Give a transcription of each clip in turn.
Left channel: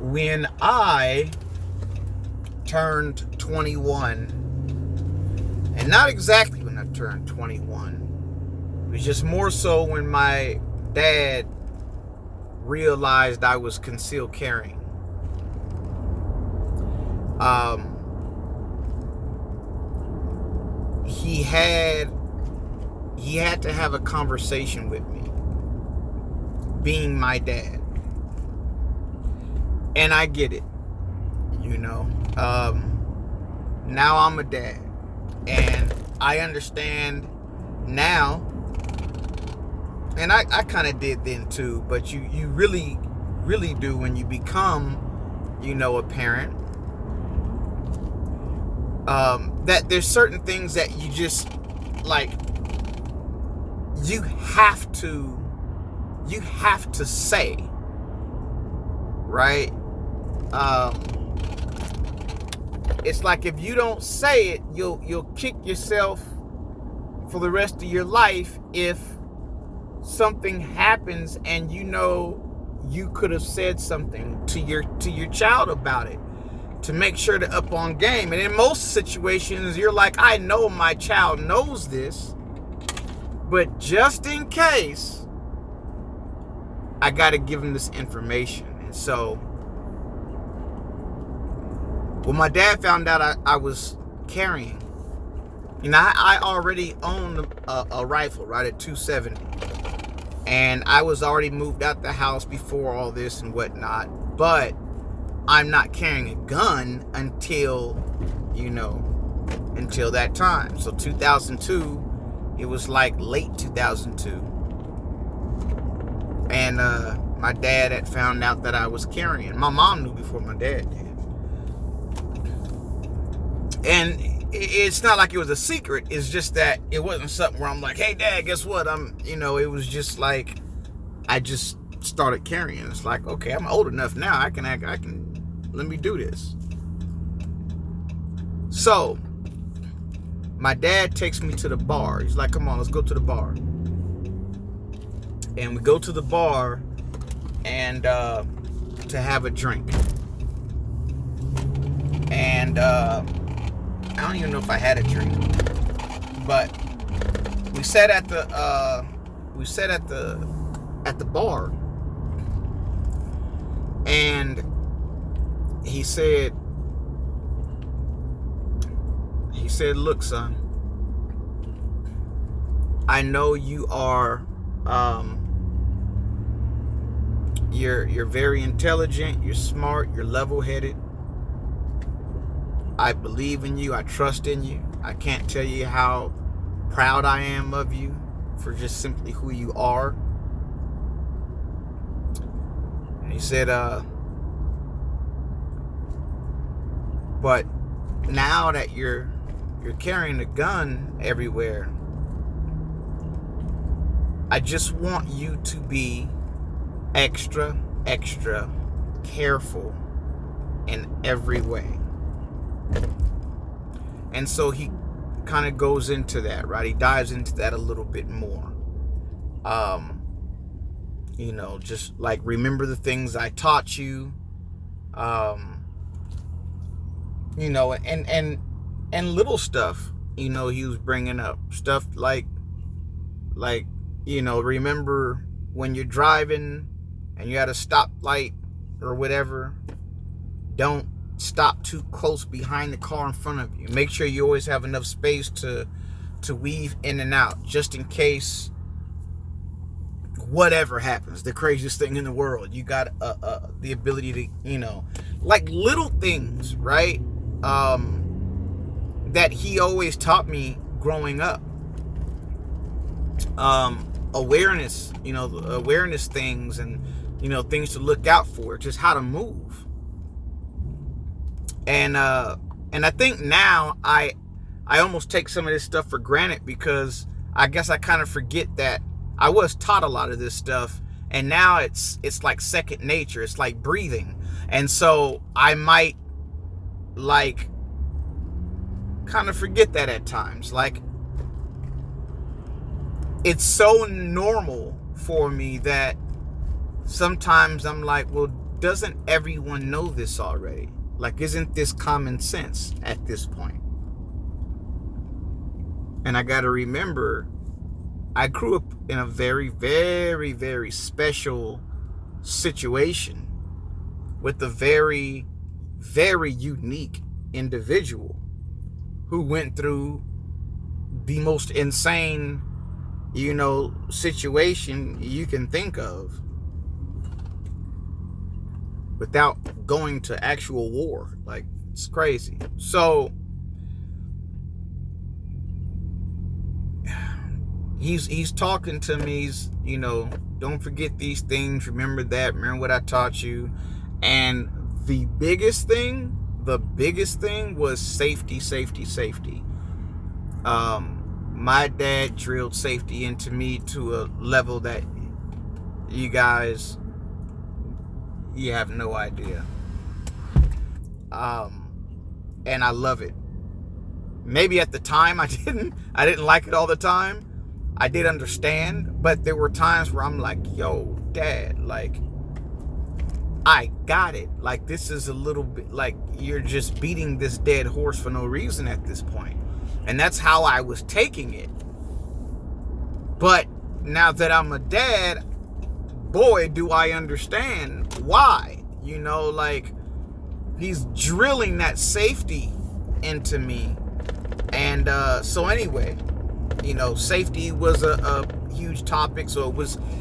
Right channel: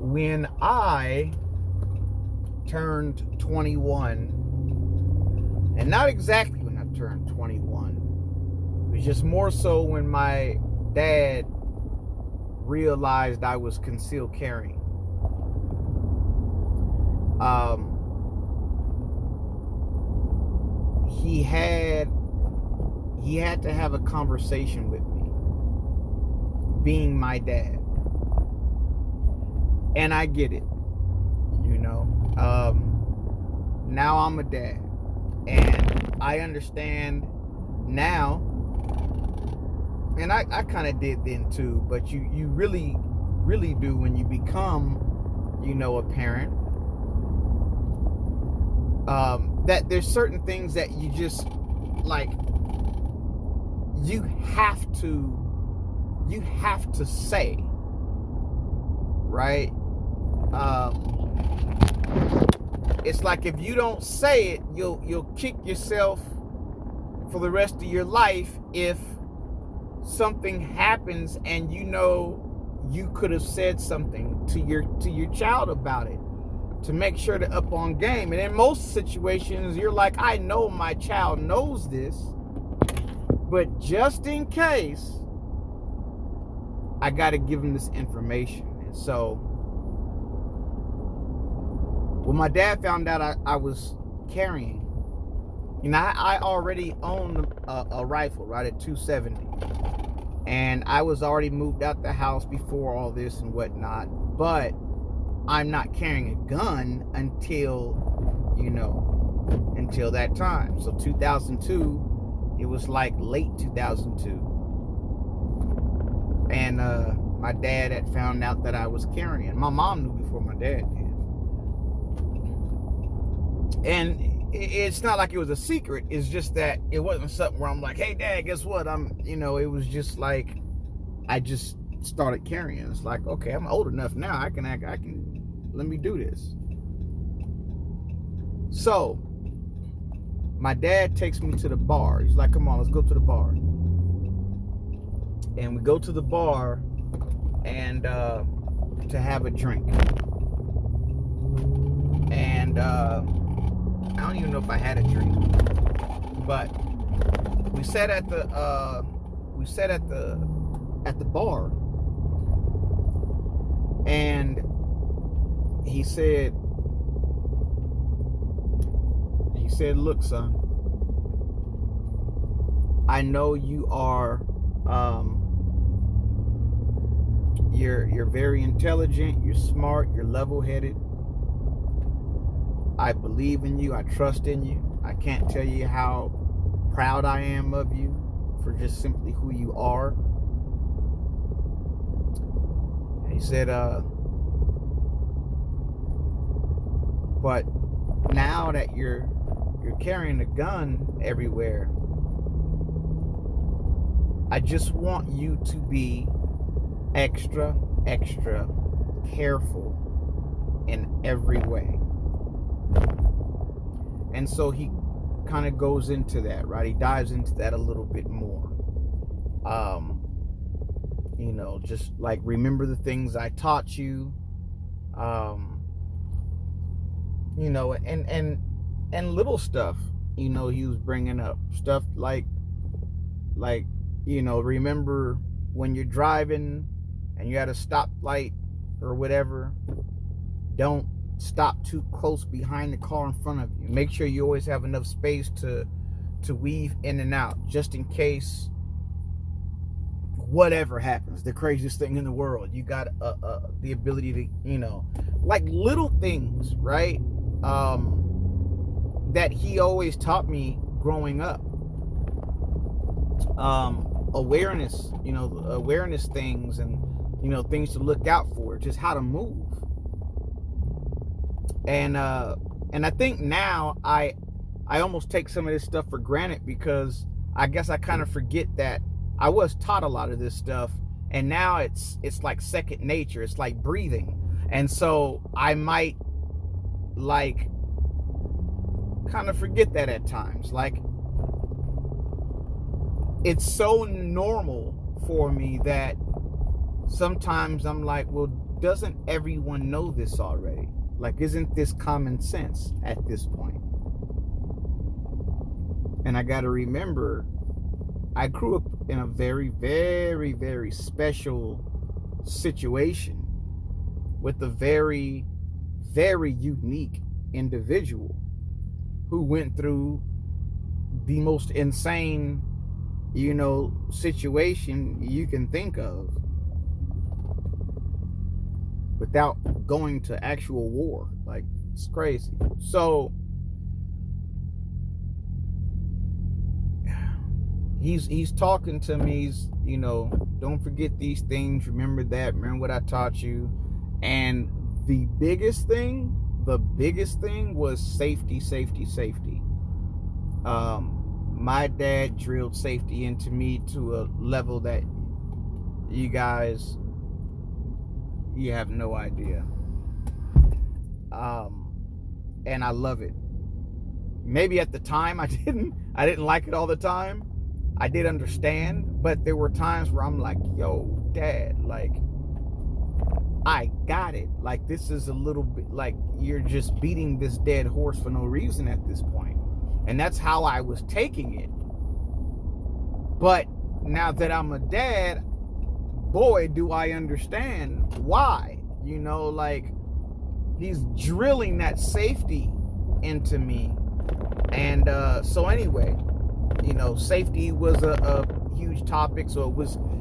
when I turned 21, and not exactly when I turned 21, it was just more so when my dad realized I was concealed carrying. He had to have a conversation with me, being my dad. And I get it, you know. Now I'm a dad, and I understand now, and I kind of did then too, but you really do when you become, a parent, that there's certain things that you just, like, you have to say, right? It's like if you don't say it, you'll kick yourself for the rest of your life if something happens and you could have said something to your child about it to make sure they're up on game. And in most situations, you're like, I know my child knows this, but just in case, I got to give them this information. And so when my dad found out I was carrying, I already owned a rifle, right, at 270. And I was already moved out the house before all this and whatnot. But I'm not carrying a gun until that time. So 2002, it was like late 2002. And my dad had found out that I was carrying. My mom knew before my dad did. And it's not like it was a secret. It's just that it wasn't something where I'm like, hey, Dad, guess what? It was just like, I just started carrying. It's like, okay, I'm old enough now. I can, let me do this. So my dad takes me to the bar. He's like, come on, let's go to the bar. And we go to the bar and to have a drink. And I don't even know if I had a drink, but we sat at the bar, and he said, look, son, I know you are, you're very intelligent, you're smart, you're level-headed. I believe in you. I trust in you. I can't tell you how proud I am of you for just simply who you are. And he said, but now that you're carrying a gun everywhere, I just want you to be extra careful in every way. And so he kind of goes into that, right? He dives into that a little bit more. Just like, remember the things I taught you. And little stuff, he was bringing up stuff like, remember when you're driving and you're at a stoplight or whatever, don't stop too close behind the car in front of you. Make sure you always have enough space to weave in and out, just in case whatever happens, the craziest thing in the world. You got the ability to, like little things, right? That he always taught me growing up. Awareness, awareness things, and things to look out for, just how to move. And I think now I almost take some of this stuff for granted, because I guess I kind of forget that I was taught a lot of this stuff, and now it's like second nature. It's like breathing. And so I might like kind of forget that at times. Like, it's so normal for me that sometimes I'm like, well, doesn't everyone know this already? Like, isn't this common sense at this point? And I got to remember, I grew up in a very, very, very special situation with a very, very unique individual who went through the most insane, situation you can think of without going to actual war. Like, it's crazy. So he's talking to me. He's, don't forget these things. Remember that. Remember what I taught you. And the biggest thing was safety, safety, safety. My dad drilled safety into me to a level that you have no idea. And I love it. Maybe at the time I didn't like it all the time. I did understand, but there were times where I'm like, yo, Dad, like, I got it. Like, this is a little bit like you're just beating this dead horse for no reason at this point. And that's how I was taking it. But now that I'm a dad, boy, do I understand why. Like, he's drilling that safety into me. And so anyway, safety was a huge topic. So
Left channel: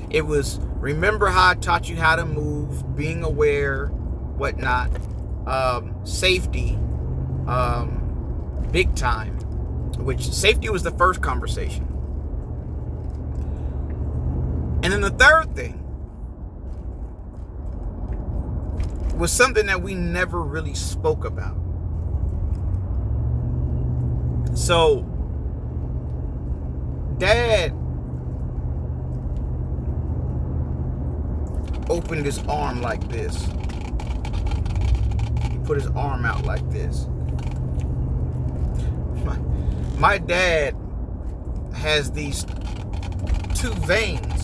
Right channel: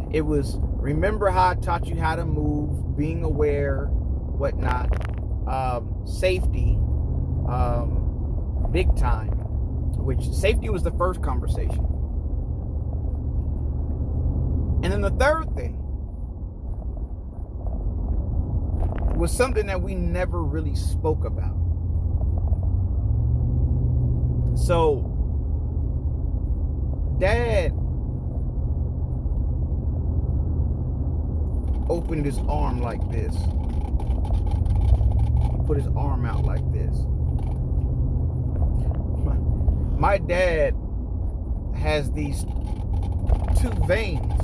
it was remember how I taught you how to move, being aware, whatnot, safety, big time, which safety was the first conversation. And then the third thing was something that we never really spoke about. So Dad opened his arm like this. He put his arm out like this. My dad has these two veins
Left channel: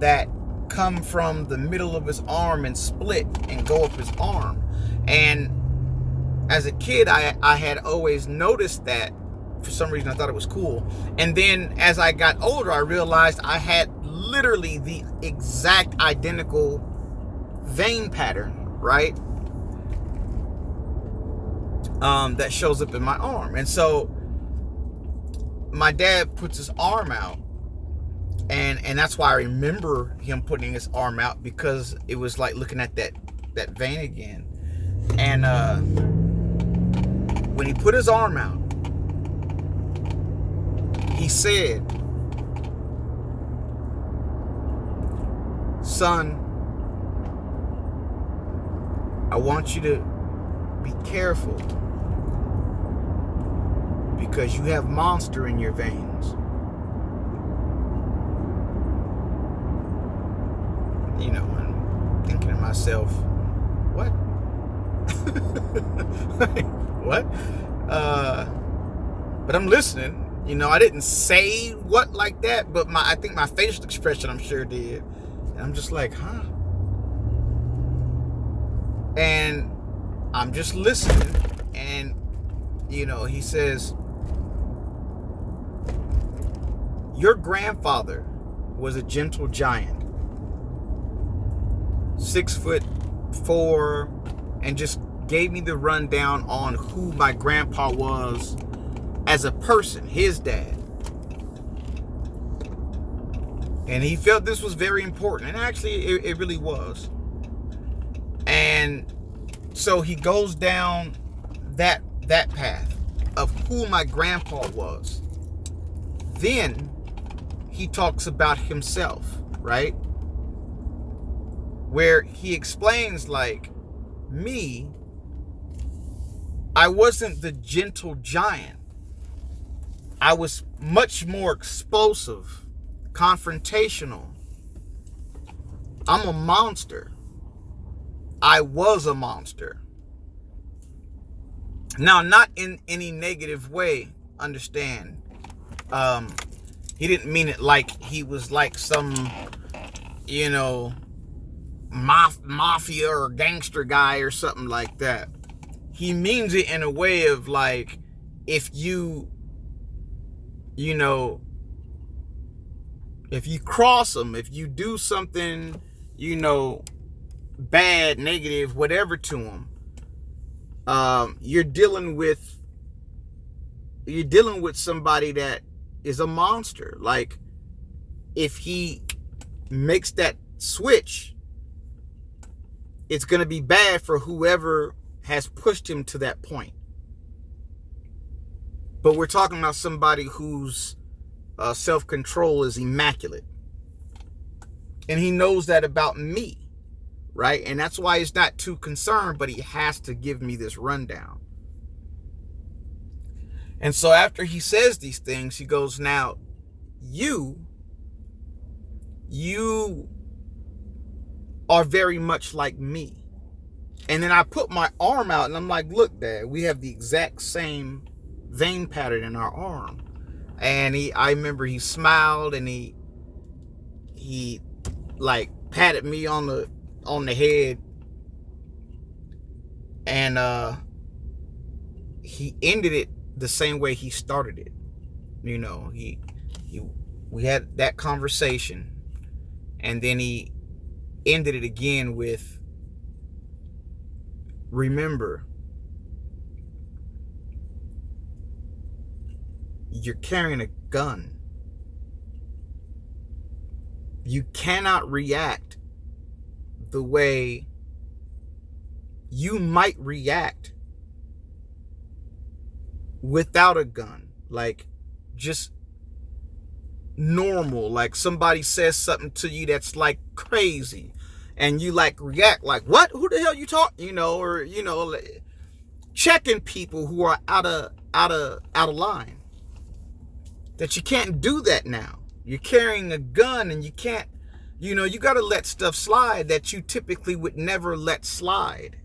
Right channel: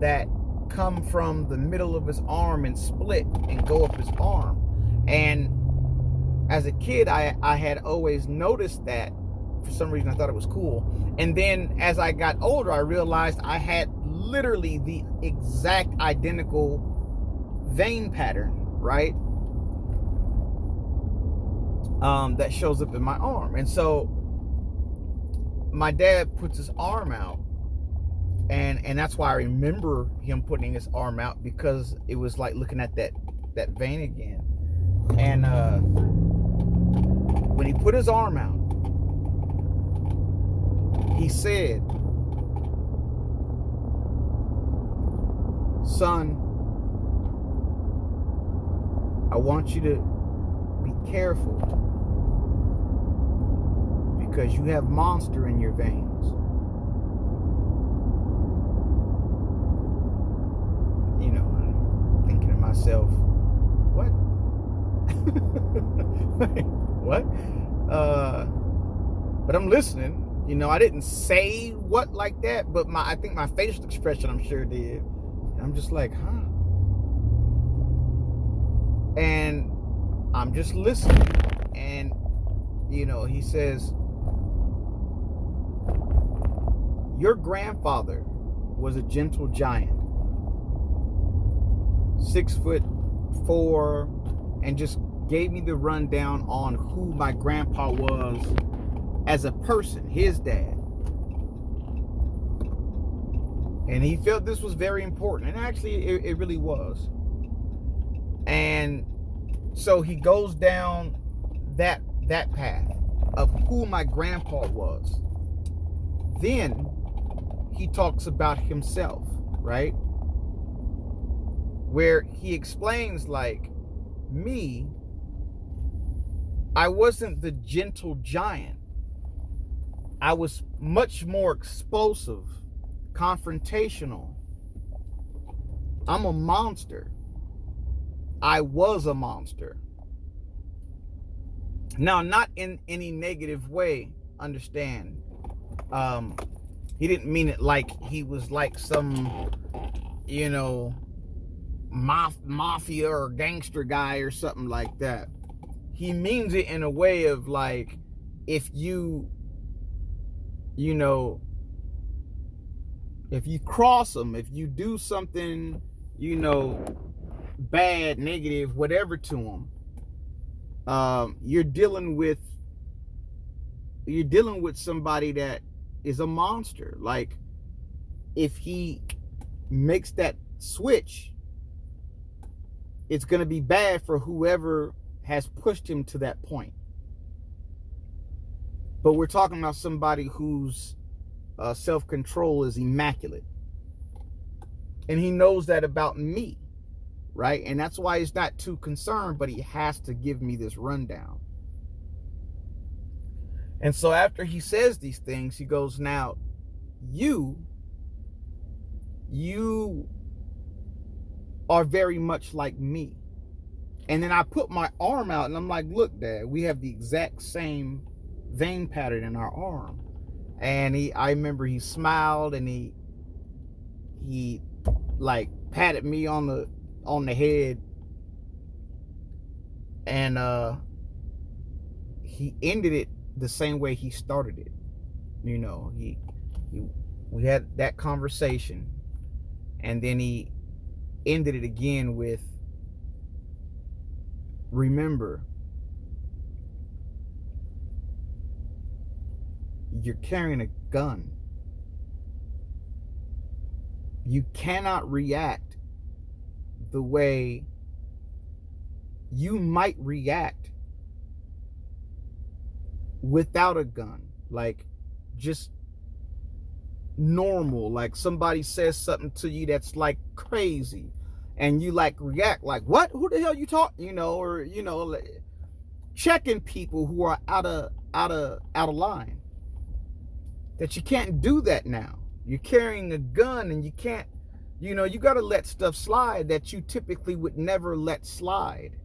that come from the middle of his arm and split and go up his arm. And as a kid, I had always noticed that. For some reason, I thought it was cool. And then as I got older, I realized I had literally the exact identical vein pattern, right? That shows up in my arm. And so my dad puts his arm out, and that's why I remember him putting his arm out, because it was like looking at that vein again. And when he put his arm out, he said, "Son, I want you to be careful because you have monster in your veins." I'm thinking to myself, what? What? But I'm listening. I didn't say what like that, but I think my facial expression, I'm sure, did. And I'm just like, huh? And I'm just listening. And, he says, "Your grandfather was a gentle giant, 6'4", and just gave me the rundown on who my grandpa was as a person, his dad. And he felt this was very important. And actually, it really was. And so he goes down that path of who my grandpa was. Then he talks about himself, right? Where he explains, like, me, I wasn't the gentle giant. I was much more explosive, confrontational. I'm a monster. I was a monster. Now, not in any negative way, understand. He didn't mean it like he was like some, mafia or gangster guy or something like that. He means it in a way of like, if you know, if you cross him, if you do something, you know, bad, negative, whatever to him, you're dealing with somebody that is a monster. Like, if he makes that switch, it's going to be bad for whoever has pushed him to that point. But we're talking about somebody whose self-control is immaculate. And he knows that about me, right? And that's why he's not too concerned, but he has to give me this rundown. And so after he says these things, he goes, now, you are very much like me. And then I put my arm out and I'm like, look, Dad, we have the exact same vein pattern in our arm. And I remember he smiled and he like patted me on the head, and he ended it the same way he started it. You know, we had that conversation, and then he ended it again with, remember, you're carrying a gun. You cannot react the way you might react without a gun. Like, just normal. Like, somebody says something to you that's like crazy, and you like react like, what? Who the hell you talking? You know, or, you know, checking people who are out of line. That you can't do that now. You're carrying a gun, and you can't, you know, you got to let stuff slide that you typically would never let slide.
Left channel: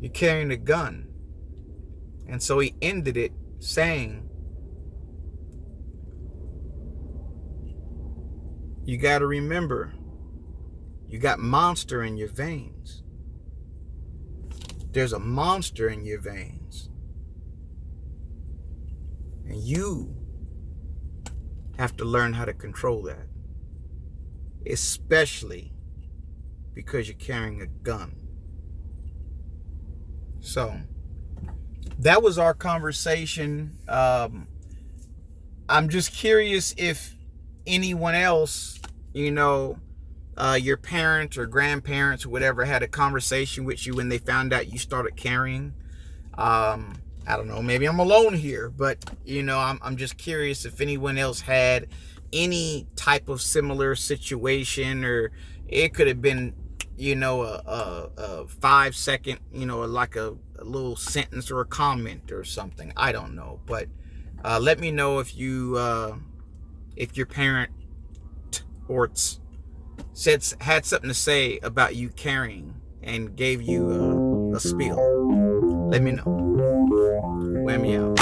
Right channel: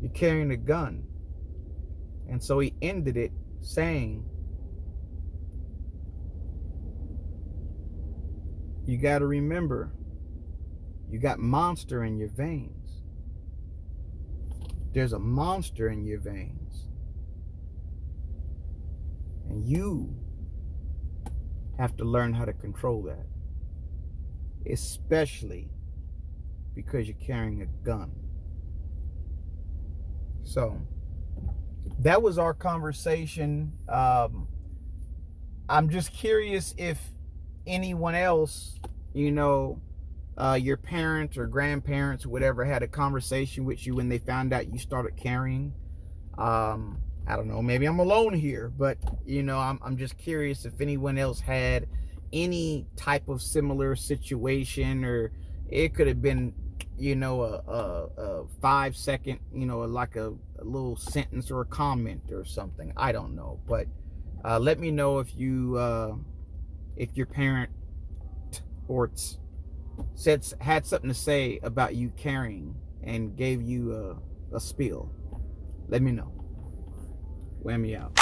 You're carrying a gun. And so he ended it saying, you got to remember, you got monster in your veins. There's a monster in your veins. And you have to learn how to control that. Especially because you're carrying a gun. So, that was our conversation. I'm just curious if anyone else, you know, your parents or grandparents or whatever had a conversation with you when they found out you started carrying. I don't know, maybe I'm alone here, but, you know, I'm just curious if anyone else had any type of similar situation, or it could have been, you know, a 5-second, you know, like a little sentence or a comment or something. I don't know, but let me know if your parent or had something to say about you carrying and gave you a spiel. Let me know. Whammy out.